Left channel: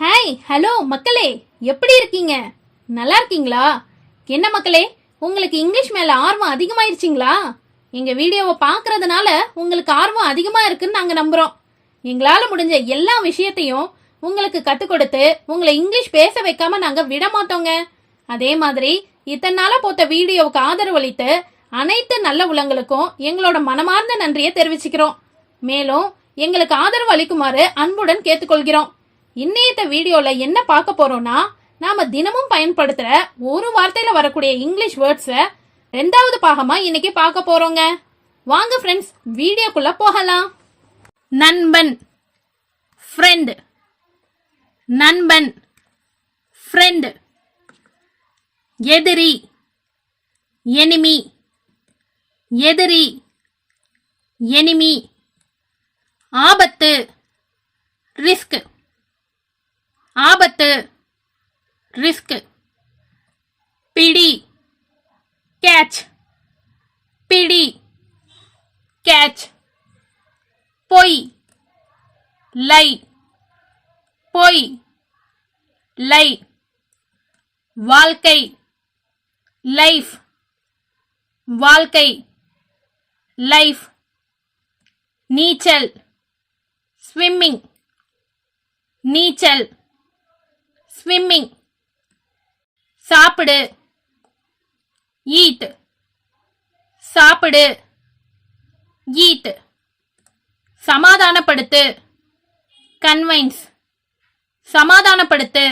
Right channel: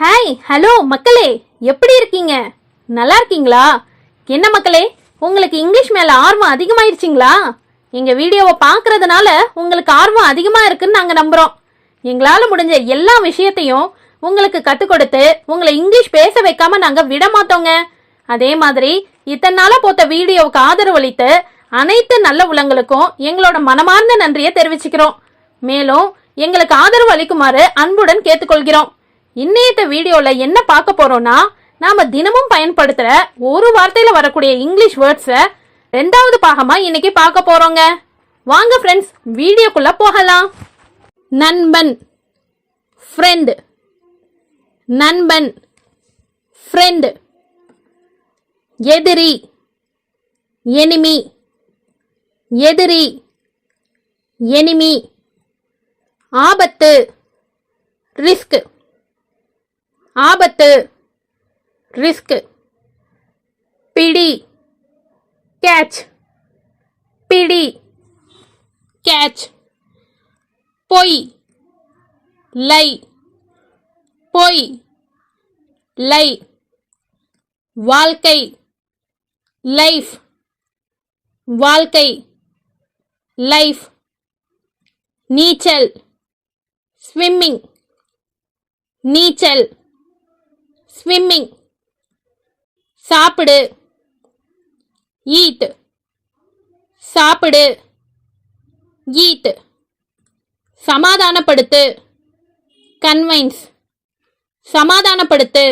Hi hello மக்களே, எப்படி இருக்கீங்க? நல்லா இருக்கீங்களா? என்ன மக்களே, உங்களுக்கு இங்கிலீஷ் மேல ஆர்வம் அதிகமாயிருச்சுங்களா? எங்க வீடியோவை பார்க்கறதுனால உங்களுக்கு ஆர்வம் அதிகமா இருக்குன்னு நாங்க நம்புறோம். எங்களால முடிஞ்ச எல்லா விஷயத்தையும் உங்களுக்கு கத்துக் கொடுத்து உங்களை இங்கிலீஷ் பேச வைக்காம நாங்க விட மாட்டோங்க. அதே மாதிரி இத்தனை நாளா போட்ட வீடியோவுக்கு ஆதரவு அளித்து அனைத்து நல்ல உள்ளங்களுக்கும் எங்களோட மனமார்ந்த நன்றியை தெரிவிச்சுக்கிறோம். மேலும் எங்களுக்கு ஆதரவு அளிக்குமாறு அன்புடன் கேட்டுக்கொள்கிறோம். இன்னைய வீடியோல என்ன பார்க்க போறோம்னா, நாம தினமும் பயன்படுத்துற ஒரு வார்த்தையில வரக்கூடிய இங்கிலீஷ் வேர்ட்ஸ ரெண்டாவது பாகமா இன்னைக்கு பார்க்க போறோங்க. வாங்க ஃப்ரெண்ட்ஸ், வீடியோக்குள்ள போகலாம். நண்பன், ஃப்ரெண்ட். நண்பன், ஃப்ரெண்ட். எதிரி, எனிமி. எதிரி, எனிமி. ஆபத்து, ரிஸ்க். ஆபத்து, ரிஸ்க். பிடி, கேட்ச். பிடி, கேட்ச். பொய், லை. பொய், லை. வாழ்க்கை, லைஃப். வாழ்க்கை, லைஃப். நீச்சல், ஸ்விம்மிங். நீச்சல், ஸ்விம்மிங். சாப்பிடு, ஈட். சாப்பிடு, ஈட். சமாதானப்படுத்து, கன்வைன்ஸ். சமாதானப்படுத்து,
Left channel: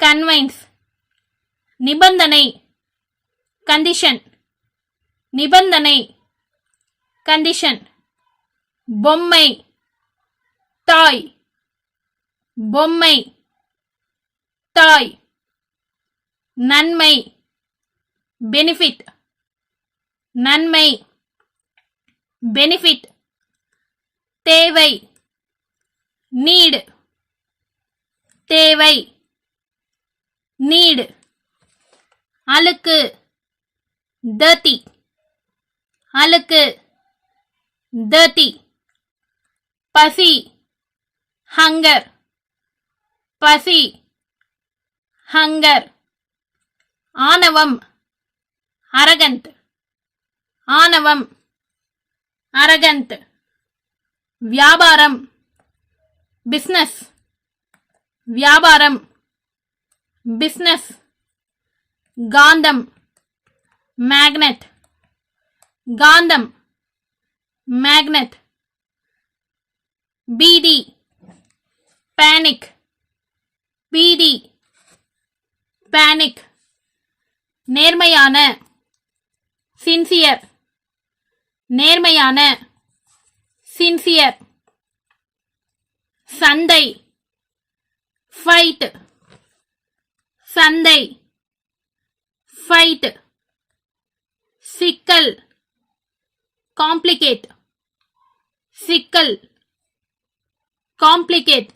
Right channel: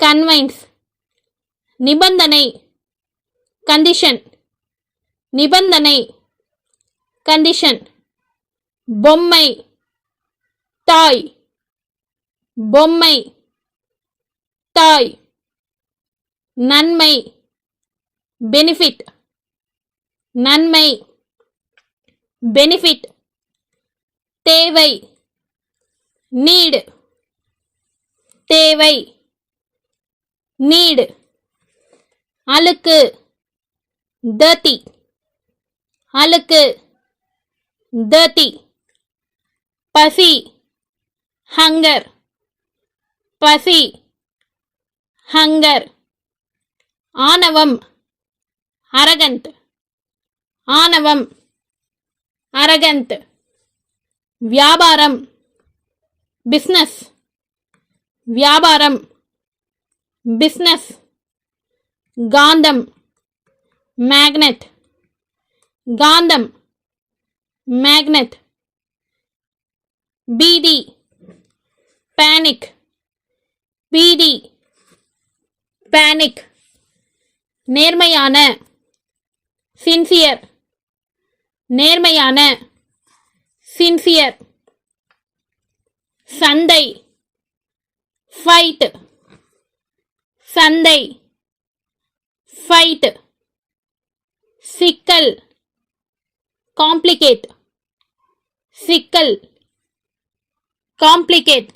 கன்வைன்ஸ். நிபந்தனை, கண்டிஷன். நிபந்தனை, கண்டிஷன். பொம்மை, தாய். பொம்மை, தாய். நன்மை, பெனிஃபிட். நன்மை, பெனிஃபிட். தேவை, நீடு. தேவை, நீடு. அழுக்கு, dirty. அழுக்கு, dirty. பசி, hunger. பசி, hunger. ஆணவம், arrogant. ஆணவம், arrogant. வியாபாரம், business. வியாபாரம், business. காந்தம், magnet. காந்தம், magnet. பீதி, panic. பீதி, panic. நேர்மையான, sincere. நேர்மையான, sincere. சண்டை, fight. சண்டை, fight. சிக்கல், complicate. சிக்கல், complicate.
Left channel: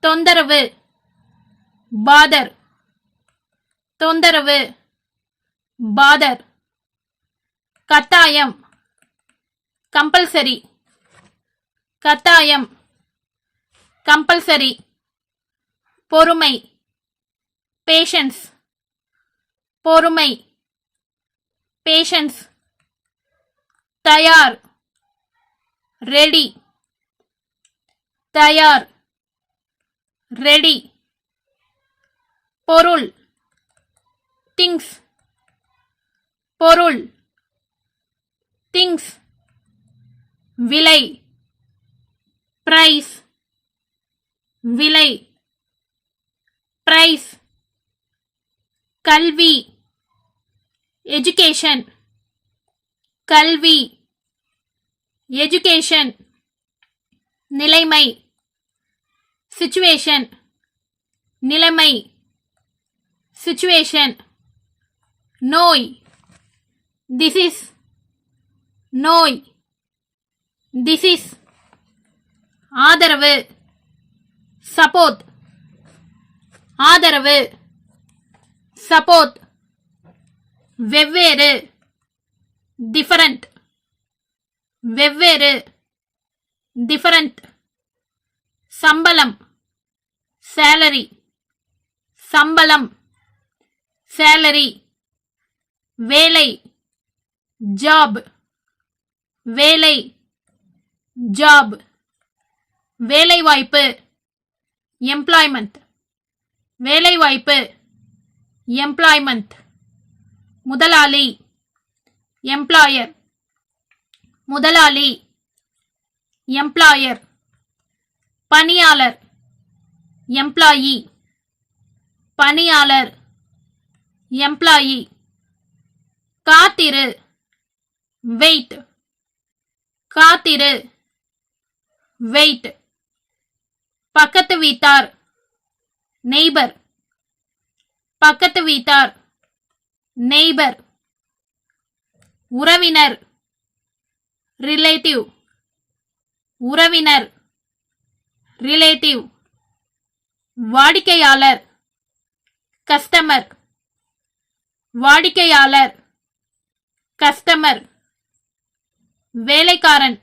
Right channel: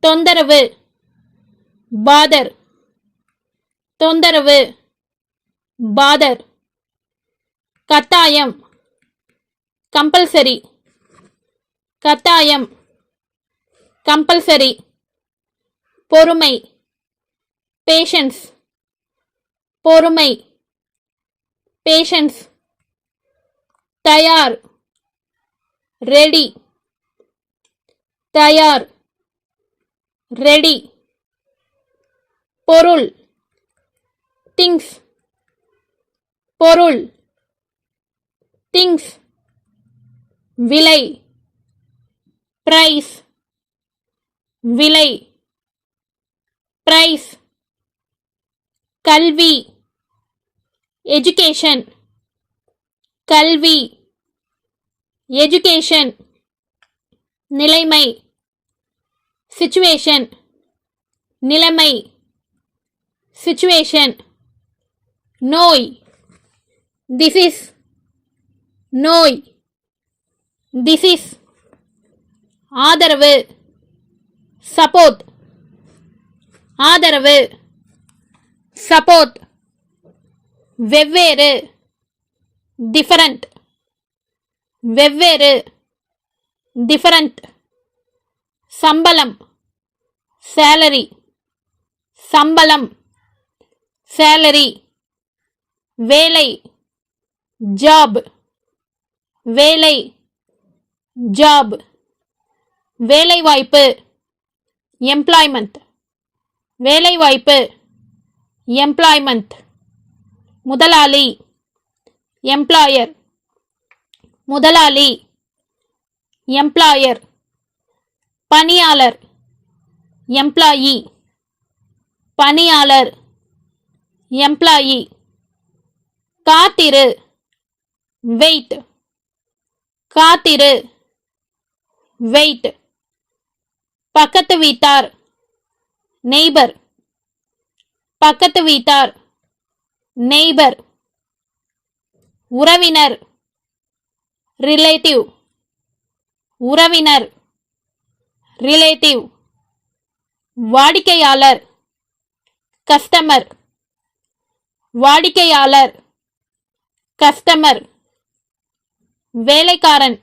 தொந்தரவு, bother. தொந்தரவு, bother. கட்டாயம், compulsory. கட்டாயம், compulsory. பொறுமை, patience. பொறுமை, patience. தயார், ready. தயார், ready. பொருள், things. பொருள், things. விலை, price. விலை, price. கல்வி, education. கல்வி, education. நிலைமை, situation. நிலைமை, situation. நோய், disease. நோய், disease. ஆதரவு, support. ஆதரவு, support. வெவ்வேறு, different. வெவ்வேறு, different. சம்பளம், salary சம்பளம் salary வேலை job வேலை job வேலைவாய்ப்பு employment வேலைவாய்ப்பு employment முதலாளி employer முதலாளி employer பணியாளர் employee பணியாளர் employee காத்திரு wait காத்திரு wait பக்கத்து வீட்டார் neighbor பக்கத்து வீட்டார் neighbor உறவினர் relative உறவினர் relative வாடிக்கையாளர் கஸ்டமர் வாடிக்கையாளர் கஸ்டமர் வேலைக்காரன்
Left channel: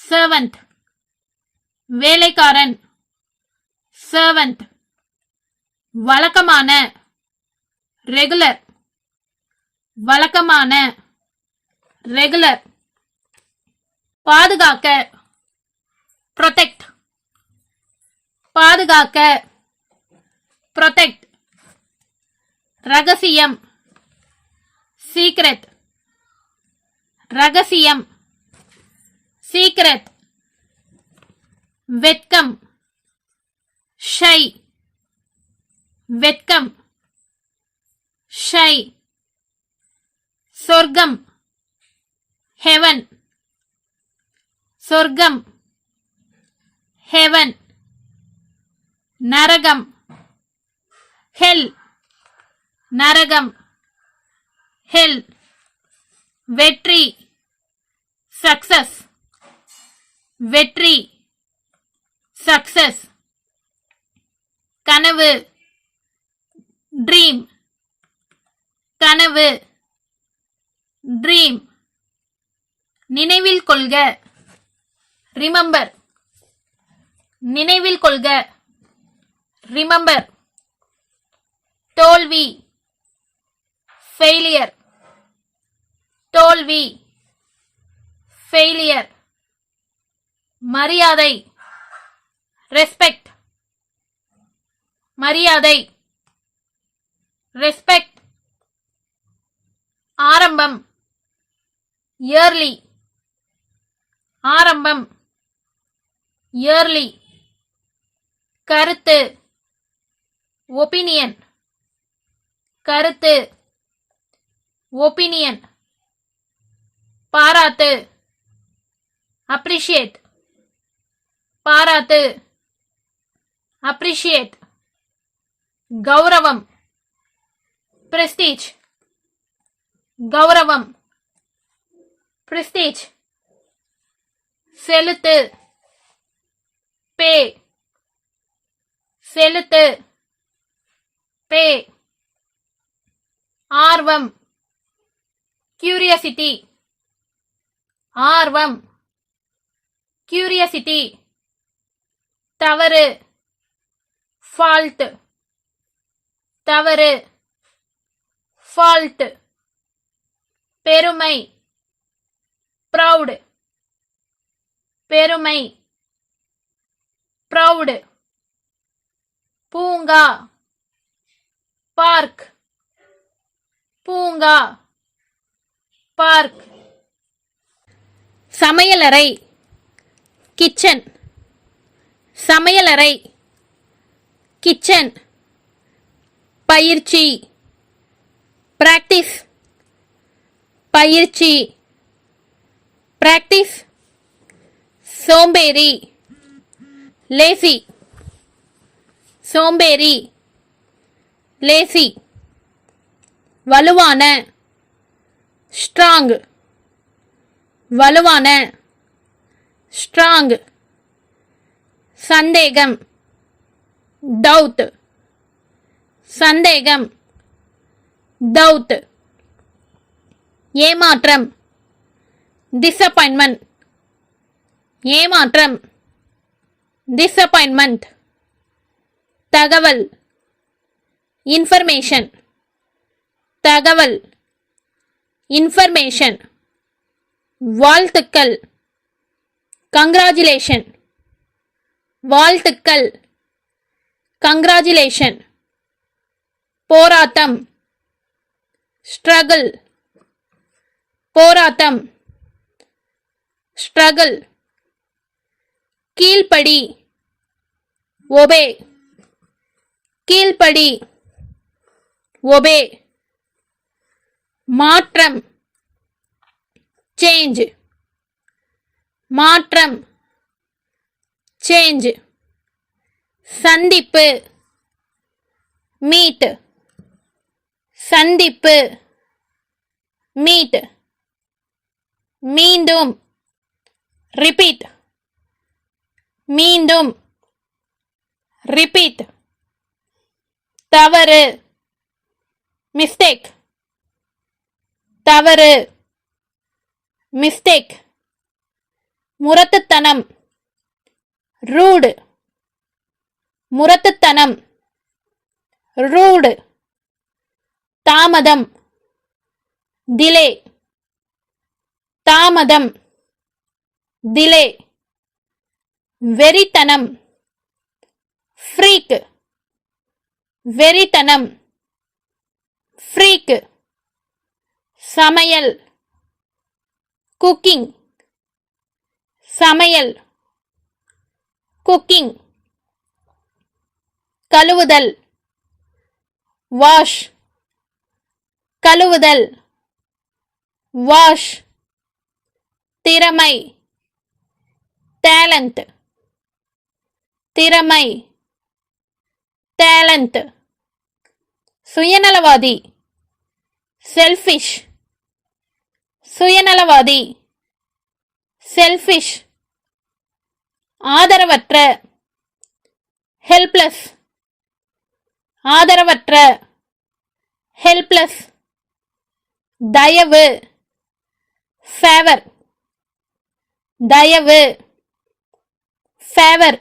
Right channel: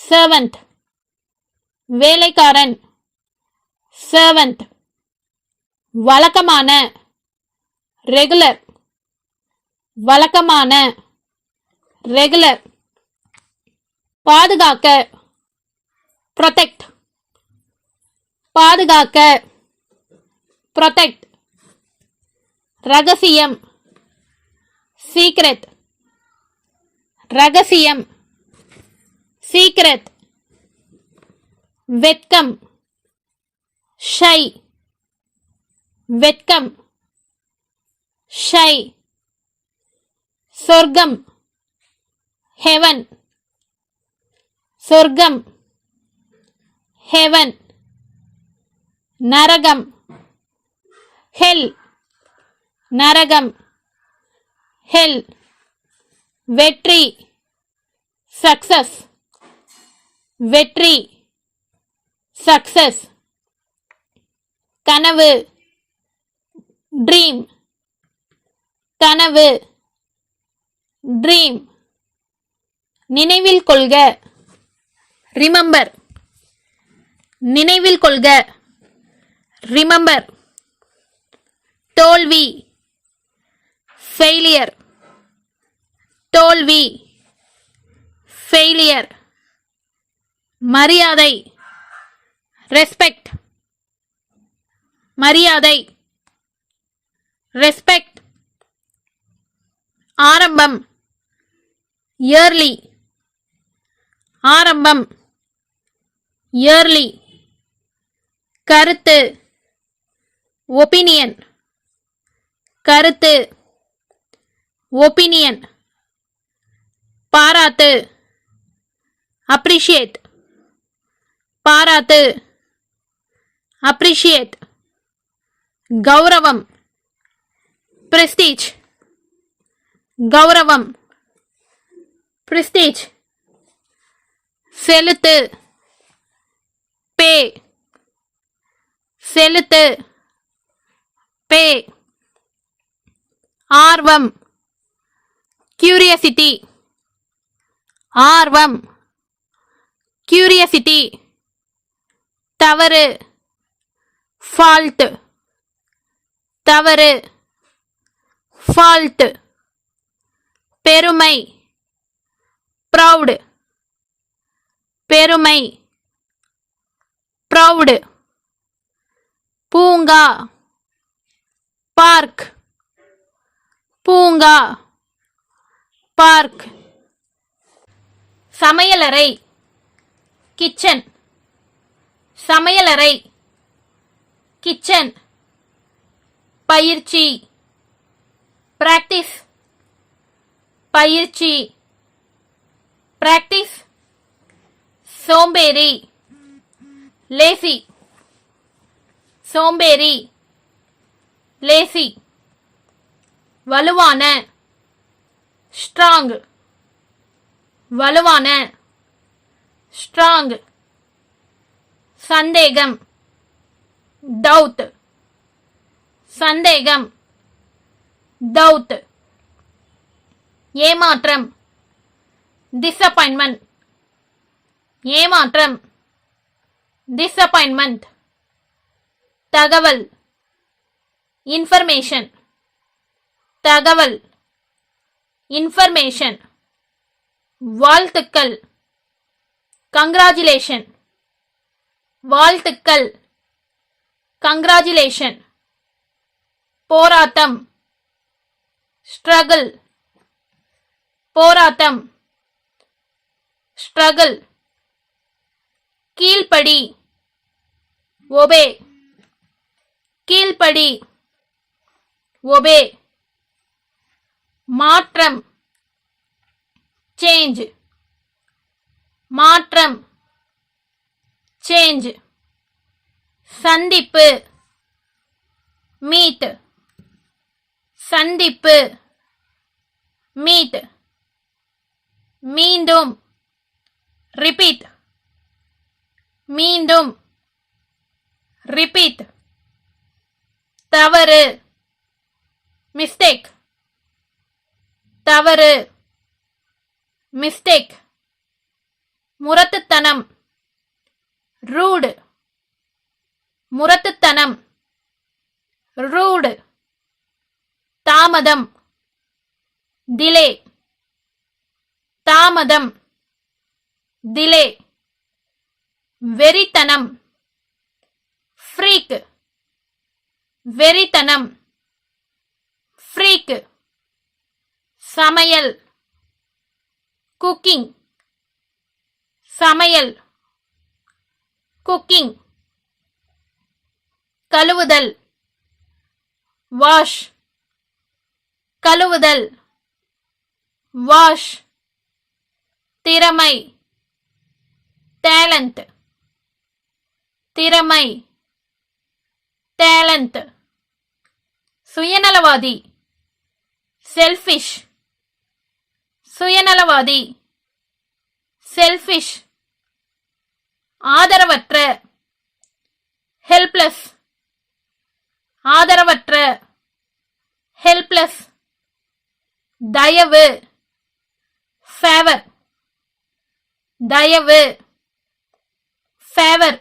servant வேலைக்காரன் servant வழக்கமான ரெகுலர் வழக்கமான ரெகுலர் பாதுகாக்க protect பாதுகாக்க protect ரகசியம் secret ரகசியம் secret வெட்கம் shy வெட்கம் shy சொர்க்கம் heaven சொர்க்கம் heaven நரகம் hell நரகம் hell வெற்றி success வெற்றி success கனவு dream கனவு dream நினைவில் கொள்க remember நினைவில் கொள்க remember தோல்வி failure தோல்வி failure மரியாதை respect மரியாதை respect ஆரம்பம் yearly ஆரம்பம் yearly கருத்து opinion கருத்து opinion பாராட்டு appreciate பாராட்டு appreciate கௌரவம் prestige கௌரவம் prestige செலுத்து pay செலுத்து pay ஆர்வம் curiosity ஆர்வம் curiosity தவறு fault தவறு fault பெருமை proud பெருமை proud பூங்கா பார்க் பூங்கா பார்க் சமையலறை கிச்சன் சமையலறை கிச்சன் பயிற்சி பிராக்டிஸ் பயிற்சி பிராக்டிஸ் சோம்பேறி லேசி சோம்பேறி லேசி வலுவான ஸ்ட்ராங் வலுவான ஸ்ட்ராங் சந்தேகம் டவுட் சந்தேகம் டவுட் ஏமாற்றம் disappointment ஏமாற்றம் disappointment தகவல் இன்ஃபர்மேஷன் தகவல் இன்ஃபர்மேஷன் வாழ்த்துக்கள் கங்க்ராச்சுலேஷன் வாழ்த்துக்கள் கங்க்ராச்சுலேஷன் போராட்டம் ஸ்ட்ரகிள் போராட்டம் ஸ்ட்ரகிள் கீழ்ப்படி ஒபே கீழ்ப்படி ஒபே மாற்றம் சேஞ்ச் மாற்றம் சேஞ்ச் சந்திப்பு மீட் சந்திப்பு மீட் மீண்டும் ரிப்பீட் மீண்டும் ரிப்பீட் தவறு மிஸ்டேக் தவறு மிஸ்டேக் முரட்டுத்தனம் ரூடு முரட்டுத்தனம் ரூடு தாமதம் டிலே தாமதம் டிலே வெறித்தனம் ஃப்ரீக் வெறித்தனம் ஃப்ரீக் சமையல் குக்கிங் சமையல் குக்கிங் கழுவுதல் வாஷ் கழுவுதல் வாஷ் திறமை டேலண்ட் திறமை டேலண்ட் சுயநலவாதி செல்ஃபிஷ் சுயநலவாதி செல்ஃபிஷ் ஆதரவற்ற ஹெல்ப்லெஸ் ஆதரவற்ற ஹெல்ப்லெஸ் தயவு ஃபேவர் தயவு ஃபேவர்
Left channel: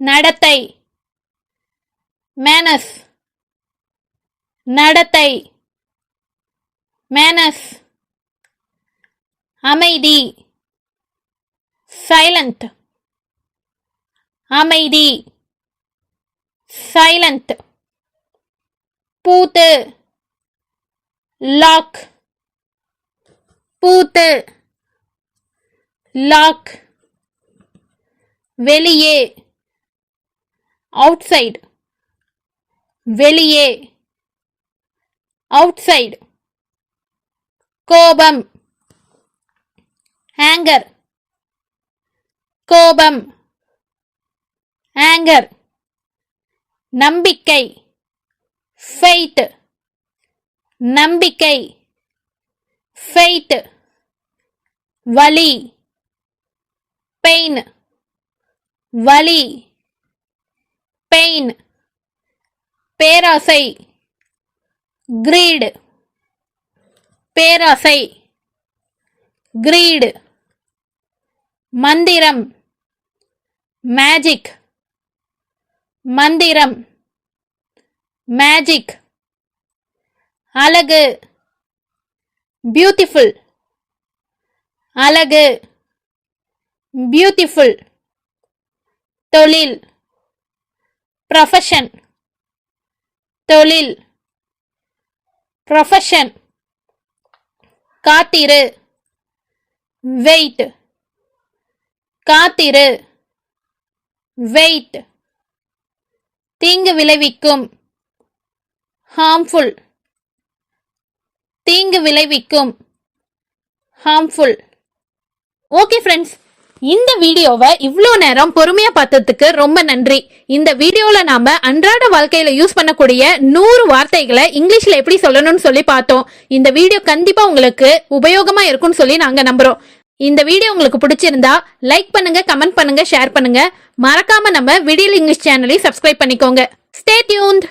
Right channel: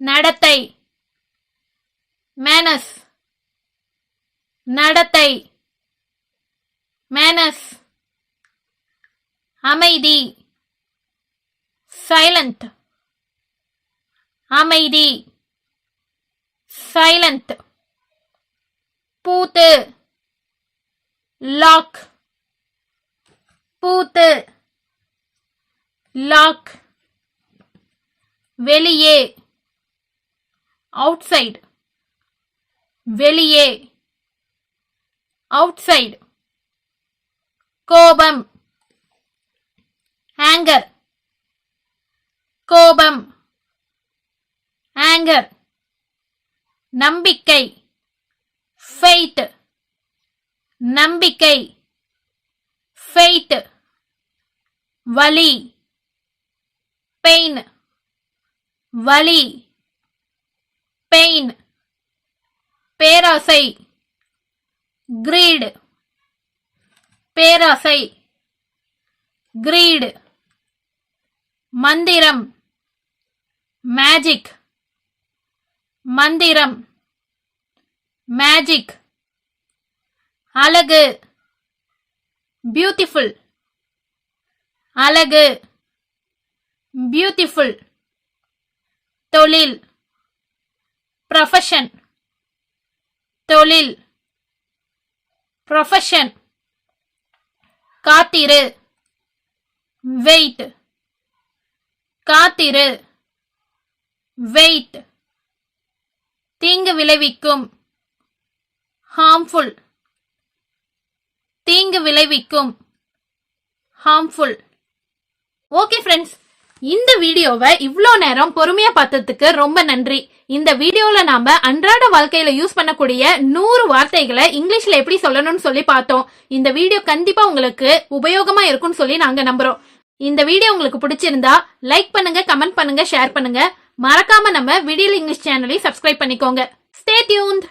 நடத்தை மேனஸ் நடத்தை மேனஸ் அமைதி சைலண்ட் அமைதி சைலண்ட் பூத்து லாக் பூத்து லாக் வெளியே அவுட்சைட் வெளியே அவுட்சைட் கோபம் ஆங்கர் கோபம் ஆங்கர் நம்பிக்கை ஃபெய்த் நம்பிக்கை ஃபெய்த் வலி பெயின் வலி பெயின் பேராசை கிரீடு பேராசை கிரீடு மந்திரம் மேஜிக் மந்திரம் மேஜிக் அழகு பியூட்டிஃபுல் அழகு பியூட்டிஃபுல் தொழில் ப்ரொஃபஷன் தொழில் ப்ரொஃபஷன் காத்திரு வெயிட் காத்திரு வெயிட் தீங்கு விளைவிக்கும் ஹார்ம்ஃபுல் தீங்கு விளைவிக்கும் ஹார்ம்ஃபுல் ஓகே ஃப்ரெண்ட்ஸ், இந்த வீடியோவை இவ்வளோ நேரம் பொறுமையா பார்த்ததுக்கு ரொம்ப நன்றி. இந்த வீடியோல நாம அன்றாட வாழ்க்கையில யூஸ் பண்ணக்கூடிய 100 வார்த்தைகளை இங்கிலீஷ்ல எப்படி சொல்லணும்னு சொல்லி பார்த்தோம். இந்த வீடியோ கண்டிப்பா உங்களுக்கு உபயோகமா இருக்கும்னு சொல்லி நாங்க நம்புறோம். இந்த வீடியோ உங்களுக்கு பிடிச்சிருந்தா லைக் பண்ணுங்க, கமெண்ட் பண்ணுங்க, ஷேர் பண்ணுங்க. மறக்காம நம்ம விடியல் இங்கிலீஷ் சேனலை சப்ஸ்கிரைப் பண்ணிக்கோங்க. Stay tuned.